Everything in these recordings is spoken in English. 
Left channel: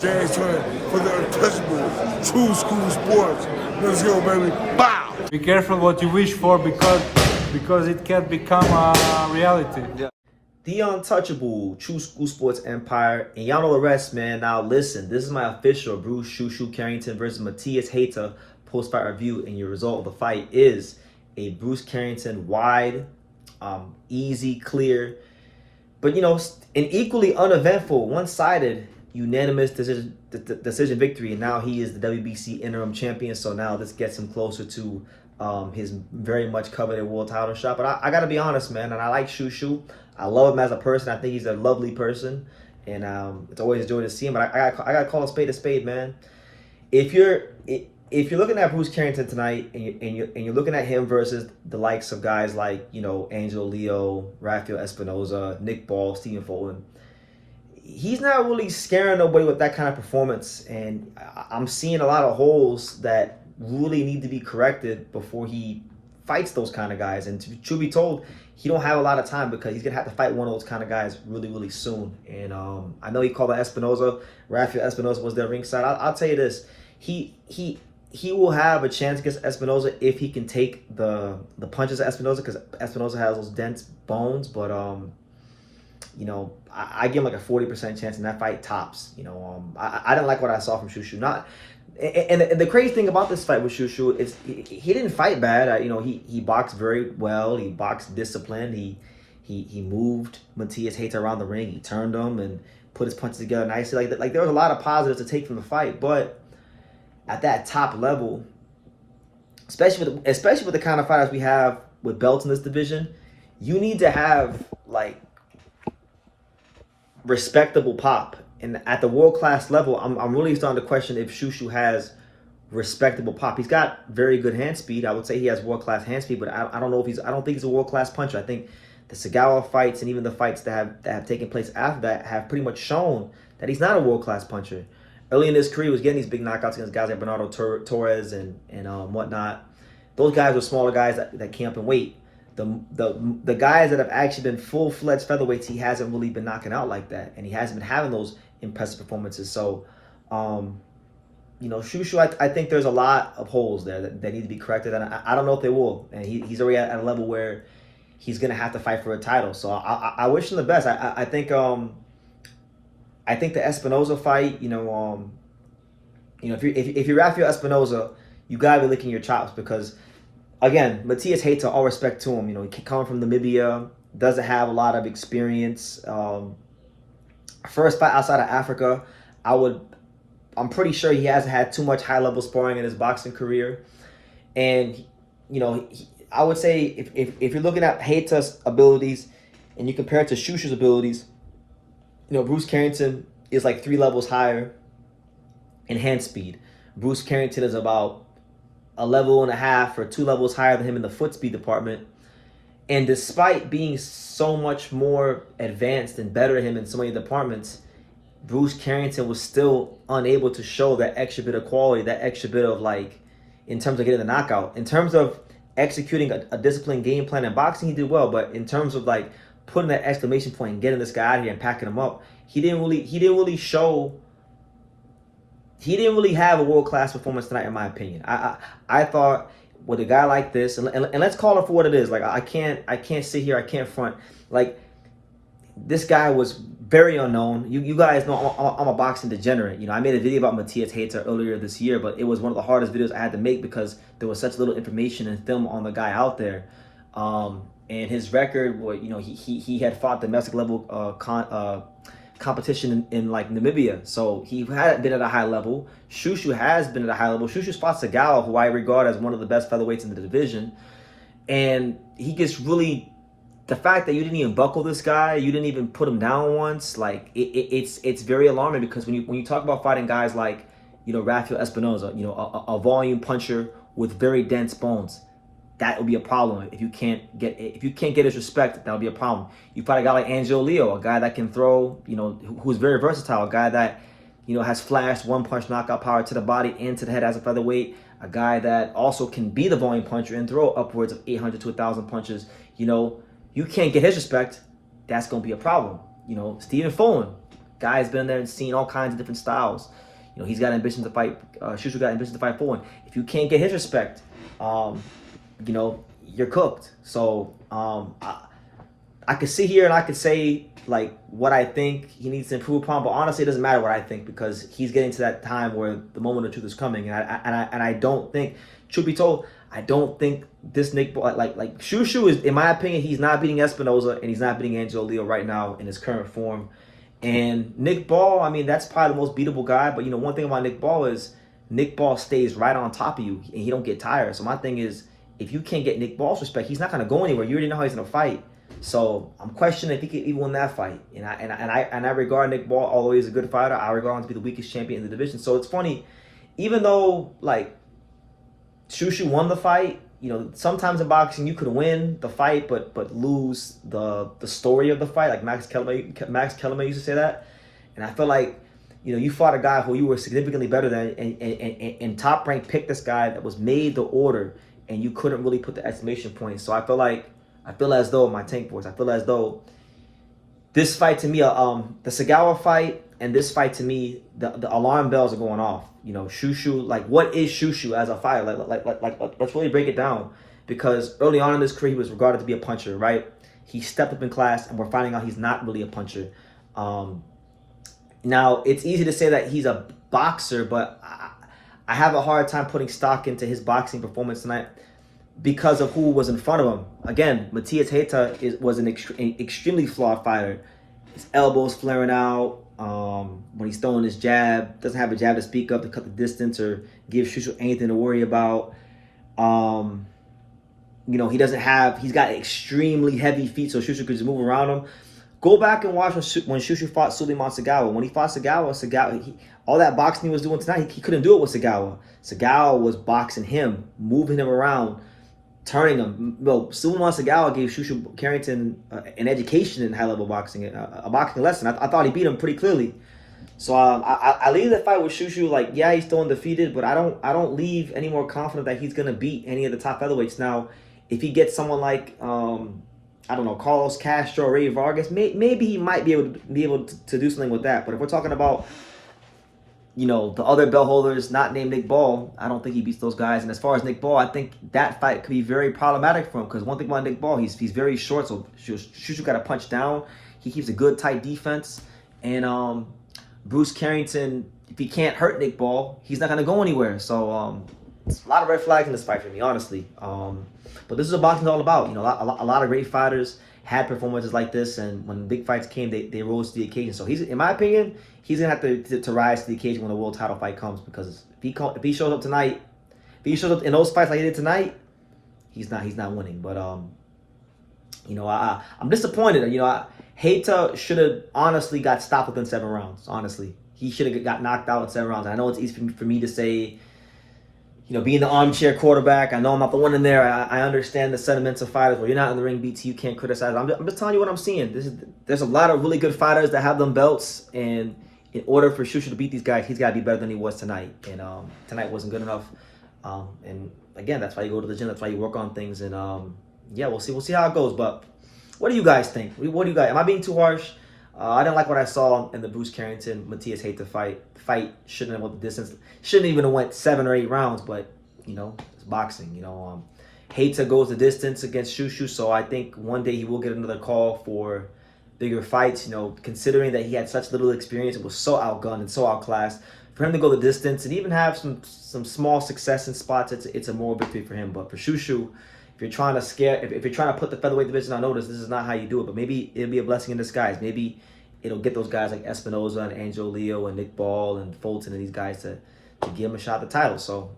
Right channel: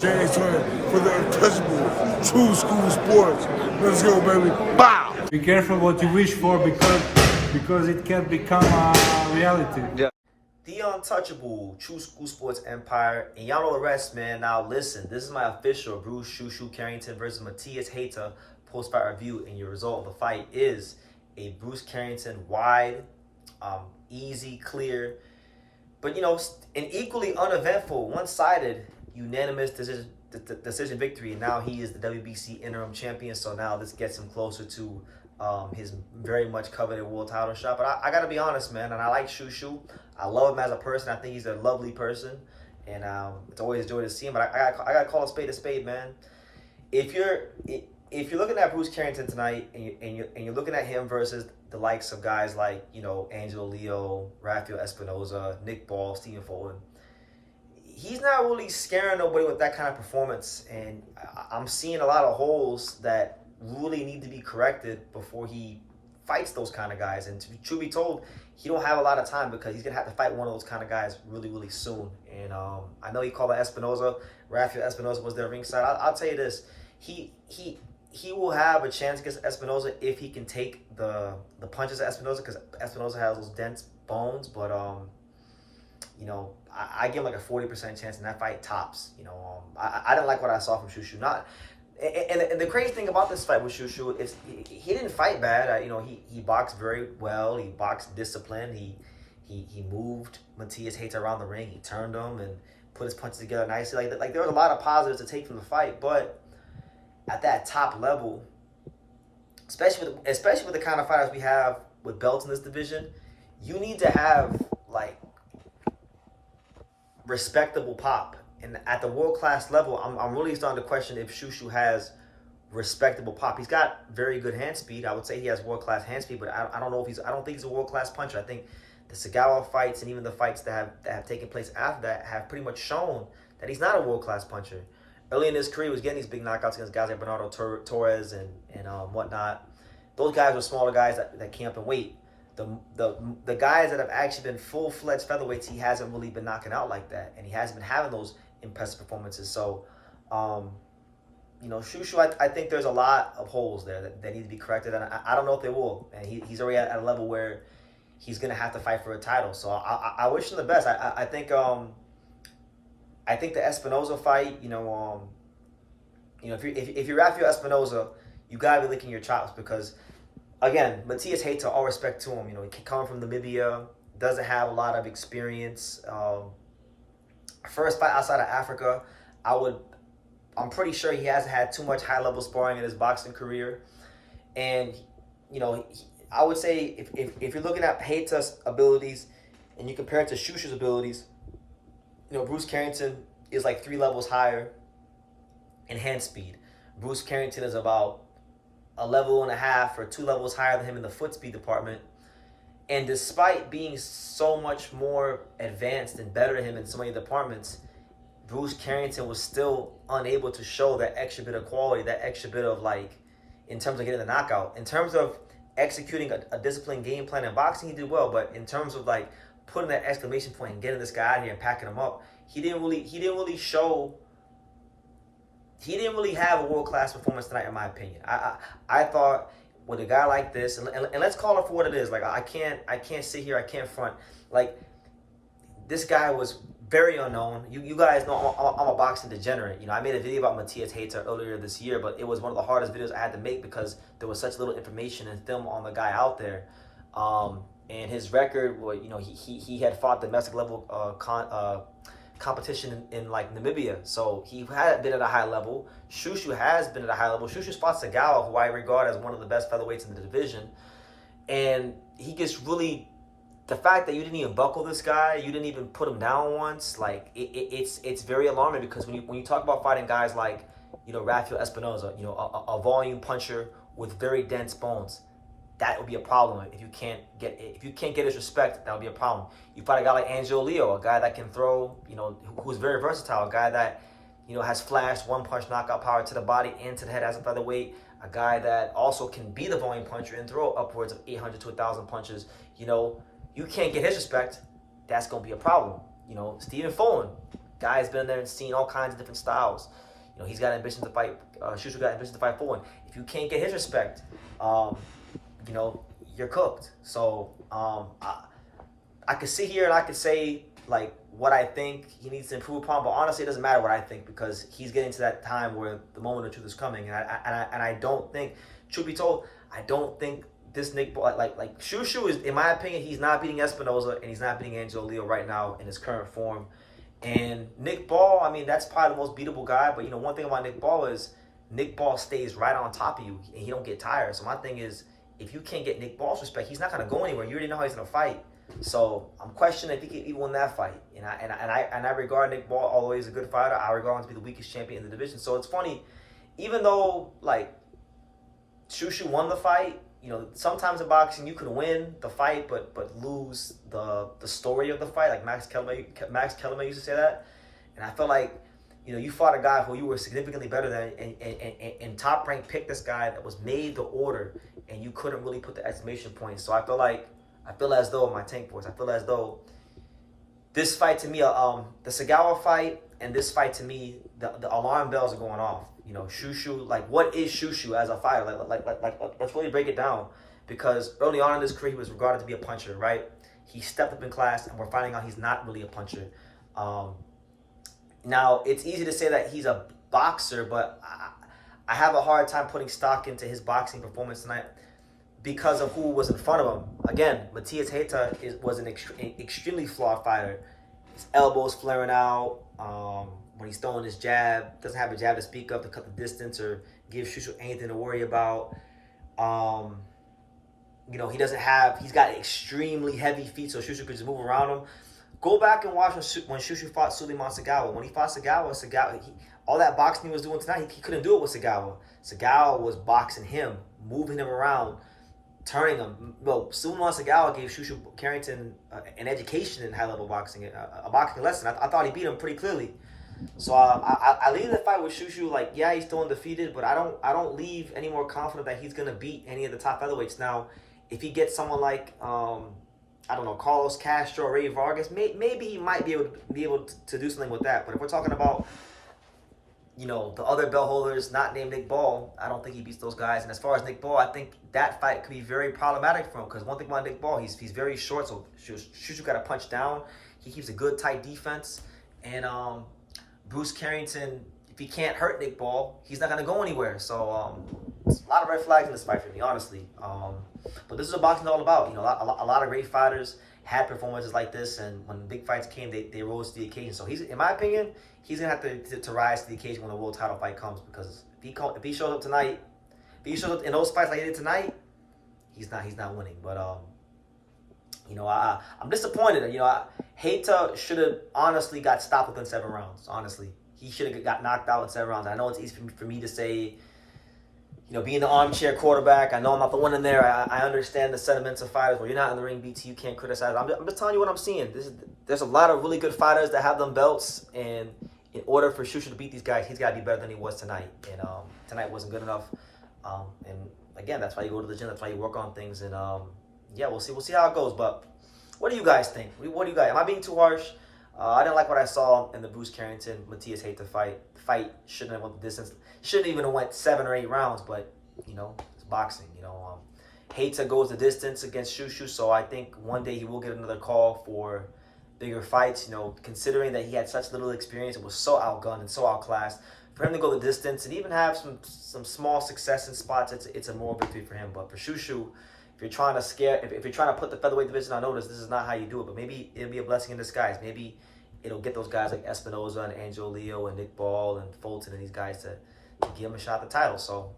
James Turner for the untouchable true school sports. Let's go, baby. Bow! Be careful what you wish for because it can become a reality. Yeah. The untouchable true school sports empire, and y'all know the rest, man. Now listen, this is my official Bruce Shushu Carrington versus Matthias Hayter post-fight review, and your result of the fight is a Bruce Carrington wide, easy, clear, but you know, an equally uneventful, one-sided, unanimous decision victory. And now he is the WBC interim champion. So now this gets him closer to his very much coveted world title shot. But I gotta be honest, man, and I like Shushu. I love him as a person. I think he's a lovely person, and it's always a joy to see him. But I gotta call a spade, man. If you're looking at Bruce Carrington tonight, and you're looking at him versus the likes of guys like, you know, Angelo Leo, Rafael Espinoza, Nick Ball, Stephen Fulton, he's not really scaring nobody with that kind of performance. And I'm seeing a lot of holes that really need to be corrected before he fights those kind of guys. And to be told, he don't have a lot of time because he's gonna have to fight one of those kind of guys really, really soon. And I know he called out Espinoza. Rafael Espinoza was there ringside. I'll tell you this: he will have a chance against Espinoza if he can take the punches of Espinoza, because Espinoza has those dense bones. But you know, I give him like a 40% chance in that fight tops. You know, I didn't like what I saw from Shushu. And the crazy thing about this fight with Shushu is he didn't fight bad. You know, he boxed very well. He boxed disciplined. He moved Matthias Hayter around the ring. He turned him and put his punches together nicely. Like there was a lot of positives to take from the fight. But at that top level, especially with the kind of fighters we have with belts in this division, you need to have like respectable pop. And at the world-class level, I'm really starting to question if Shushu has respectable pop. He's got very good hand speed. I would say he has world-class hand speed, but I don't know if I don't think he's a world-class puncher. I think the Sagawa fights and even the fights that have taken place after that have pretty much shown that he's not a world-class puncher. Early in his career, he was getting these big knockouts against guys like Bernardo Torres and whatnot. Those guys were smaller guys that came up in weight. The guys that have actually been full-fledged featherweights, he hasn't really been knocking out like that, and he hasn't been having those impressive performances. So, you know, Shushu, I think there's a lot of holes there that need to be corrected, and I don't know if they will. And he's already at a level where he's gonna have to fight for a title. So I wish him the best. I think the Espinoza fight, you know, if you're Rafael Espinoza, you gotta be licking your chops because, again, Matthias Hayter, all respect to him. You know, he coming from Namibia, doesn't have a lot of experience. First fight outside of Africa, I'm pretty sure he hasn't had too much high-level sparring in his boxing career. And, you know, I would say if you're looking at Hayter's abilities and you compare it to Shushu's abilities, you know, Bruce Carrington is like 3 levels higher in hand speed. Bruce Carrington is about a level and a half or 2 levels higher than him in the foot speed department. And despite being so much more advanced and better than him in so many departments, Bruce Carrington was still unable to show that extra bit of quality, that extra bit of, like, in terms of getting the knockout. In terms of executing a disciplined game plan in boxing, he did well. But in terms of, like, putting that exclamation point and getting this guy out of here and packing him up, he didn't really have a world-class performance tonight, in my opinion. I thought with a guy like this, and let's call it for what it is. Like, I can't sit here, I can't front. Like, this guy was very unknown. You guys know I'm a boxing degenerate. You know, I made a video about Matthias Hayter earlier this year, but it was one of the hardest videos I had to make because there was such little information and film on the guy out there. And his record, well, you know, he had fought domestic level competition in like Namibia, so he had been at a high level. Shushu has been at a high level. Shushu fought Sagawa, who I regard as one of the best featherweights in the division, and he gets really, the fact that you didn't even buckle this guy, you didn't even put him down once, like it's very alarming, because when you talk about fighting guys like, you know, Rafael Espinoza, you know, a volume puncher with very dense bones, that would be a problem. If you can't get his respect, that would be a problem. You fight a guy like Angelo Leo, a guy that can throw, you know, who's very versatile, a guy that, you know, has flash one-punch knockout power to the body and to the head as a featherweight, a guy that also can be the volume puncher and throw upwards of 800 to 1,000 punches. You know, you can't get his respect, that's going to be a problem. You know, Stephen Fulton, Guy's been there and seen all kinds of different styles. You know, he's got ambitions to fight. Shushu got ambitions to fight for. And if you can't get his respect, you know, you're cooked. So I could sit here and I could say like what I think he needs to improve upon, but honestly, it doesn't matter what I think because he's getting to that time where the moment of truth is coming, and I don't think, truth be told, I don't think this Nick Ball, like Shushu is, in my opinion, he's not beating Espinoza and he's not beating Angelo Leo right now in his current form. And Nick Ball, I mean, that's probably the most beatable guy. But you know, one thing about Nick Ball is Nick Ball stays right on top of you and he don't get tired. So my thing is, if you can't get Nick Ball's respect, he's not gonna go anywhere. You already know how he's gonna fight. So I'm questioning if he could even win that fight. And I regard Nick Ball although he's a good fighter. I regard him to be the weakest champion in the division. So it's funny, even though like Shushu won the fight, you know, sometimes in boxing you could win the fight but lose the story of the fight. Like Max Kellerman used to say that. And I feel like, you know, you fought a guy who you were significantly better than, and Top Rank picked this guy that was made to order, and you couldn't really put the exclamation point. So I feel as though, my tank boys, I feel as though this fight to me, the Sagawa fight and this fight to me, the alarm bells are going off. You know, Shushu, like, what is Shushu as a fighter? Like, let's really break it down. Because early on in his career, he was regarded to be a puncher, right? He stepped up in class, and we're finding out he's not really a puncher. Now, it's easy to say that he's a boxer, but I have a hard time putting stock into his boxing performance tonight because of who was in front of him. Again, Matias Heita was an extremely flawed fighter. His elbows flaring out. When he's throwing his jab, doesn't have a jab to speak up to cut the distance or give Shushu anything to worry about. You know, he's got extremely heavy feet, so Shushu could just move around him. Go back and watch when Shushu fought Suleiman Sagawa. When he fought Sagawa, all that boxing he was doing tonight, he couldn't do it with Sagawa. Sagawa was boxing him, moving him around, turning him. Well, Suleiman Sagawa gave Shushu Carrington an education in high-level boxing, a boxing lesson. I thought he beat him pretty clearly. So I leave the fight with Shushu like, yeah, he's still undefeated, but I don't leave any more confident that he's gonna beat any of the top featherweights. Now, if he gets someone like I don't know, Carlos Castro or Ray Vargas, maybe he might be able to do something with that. But if we're talking about, you know, the other belt holders not named Nick Ball, I don't think he beats those guys. And as far as Nick Ball, I think that fight could be very problematic for him because one thing about Nick Ball, he's very short, so Shushu got to punch down. He keeps a good tight defense, and Bruce Carrington, if he can't hurt Nick Ball, he's not gonna go anywhere. So it's a lot of red flags in this fight for me, honestly. But this is what boxing's all about. You know, a lot of great fighters had performances like this, and when big fights came, they rose to the occasion. So he's, in my opinion, he's gonna have to rise to the occasion when the world title fight comes, because if he shows up tonight, if he shows up in those fights like he did tonight, he's not winning. But you know, I'm disappointed. You know, Heita should have honestly got stopped within 7 rounds. Honestly, he should have got knocked out in 7 rounds. I know it's easy for me to say, you know, being the armchair quarterback, I know I'm not the one in there. I understand the sentiments of fighters. Well, you're not in the ring, BT. You can't criticize. I'm just telling you what I'm seeing. There's a lot of really good fighters that have them belts, and in order for Shushu to beat these guys, he's got to be better than he was tonight. And tonight wasn't good enough. And again, that's why you go to the gym. That's why you work on things. And yeah, we'll see how it goes. But what do you guys think? What do you guys? Am I being too harsh? I didn't like what I saw in the Bruce Carrington Matias Heita fight. Fight shouldn't have went the distance. Shouldn't even have went 7 or 8 rounds. But you know, it's boxing. You know, Heita goes the distance against Shushu, so I think one day he will get another call for bigger fights. You know, considering that he had such little experience and was so outgunned and so outclassed, for him to go the distance and even have some small success in spots, it's a moral victory for him. But for Shushu, if you're trying to put the featherweight division on notice, this is not how you do it. But maybe it'll be a blessing in disguise. Maybe it'll get those guys like Espinoza and Angelo Leo and Nick Ball and Fulton and these guys to give him a shot at the title. So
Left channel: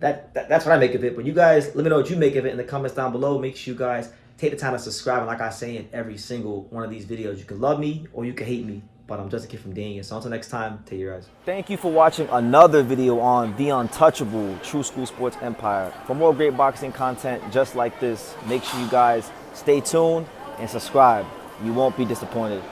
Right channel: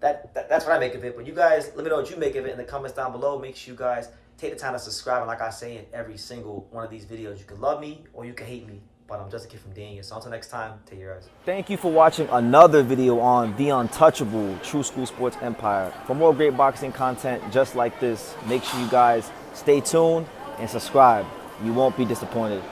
that's what I make of it. But you guys, let me know what you make of it in the comments down below. Make sure you guys take the time to subscribe. And like I say in every single one of these videos, you can love me or you can hate me, but I'm just a kid from Daniel. So until next time, take your eyes. Thank you for watching another video on the untouchable True School Sports Empire. For more great boxing content just like this, make sure you guys stay tuned and subscribe. You won't be disappointed.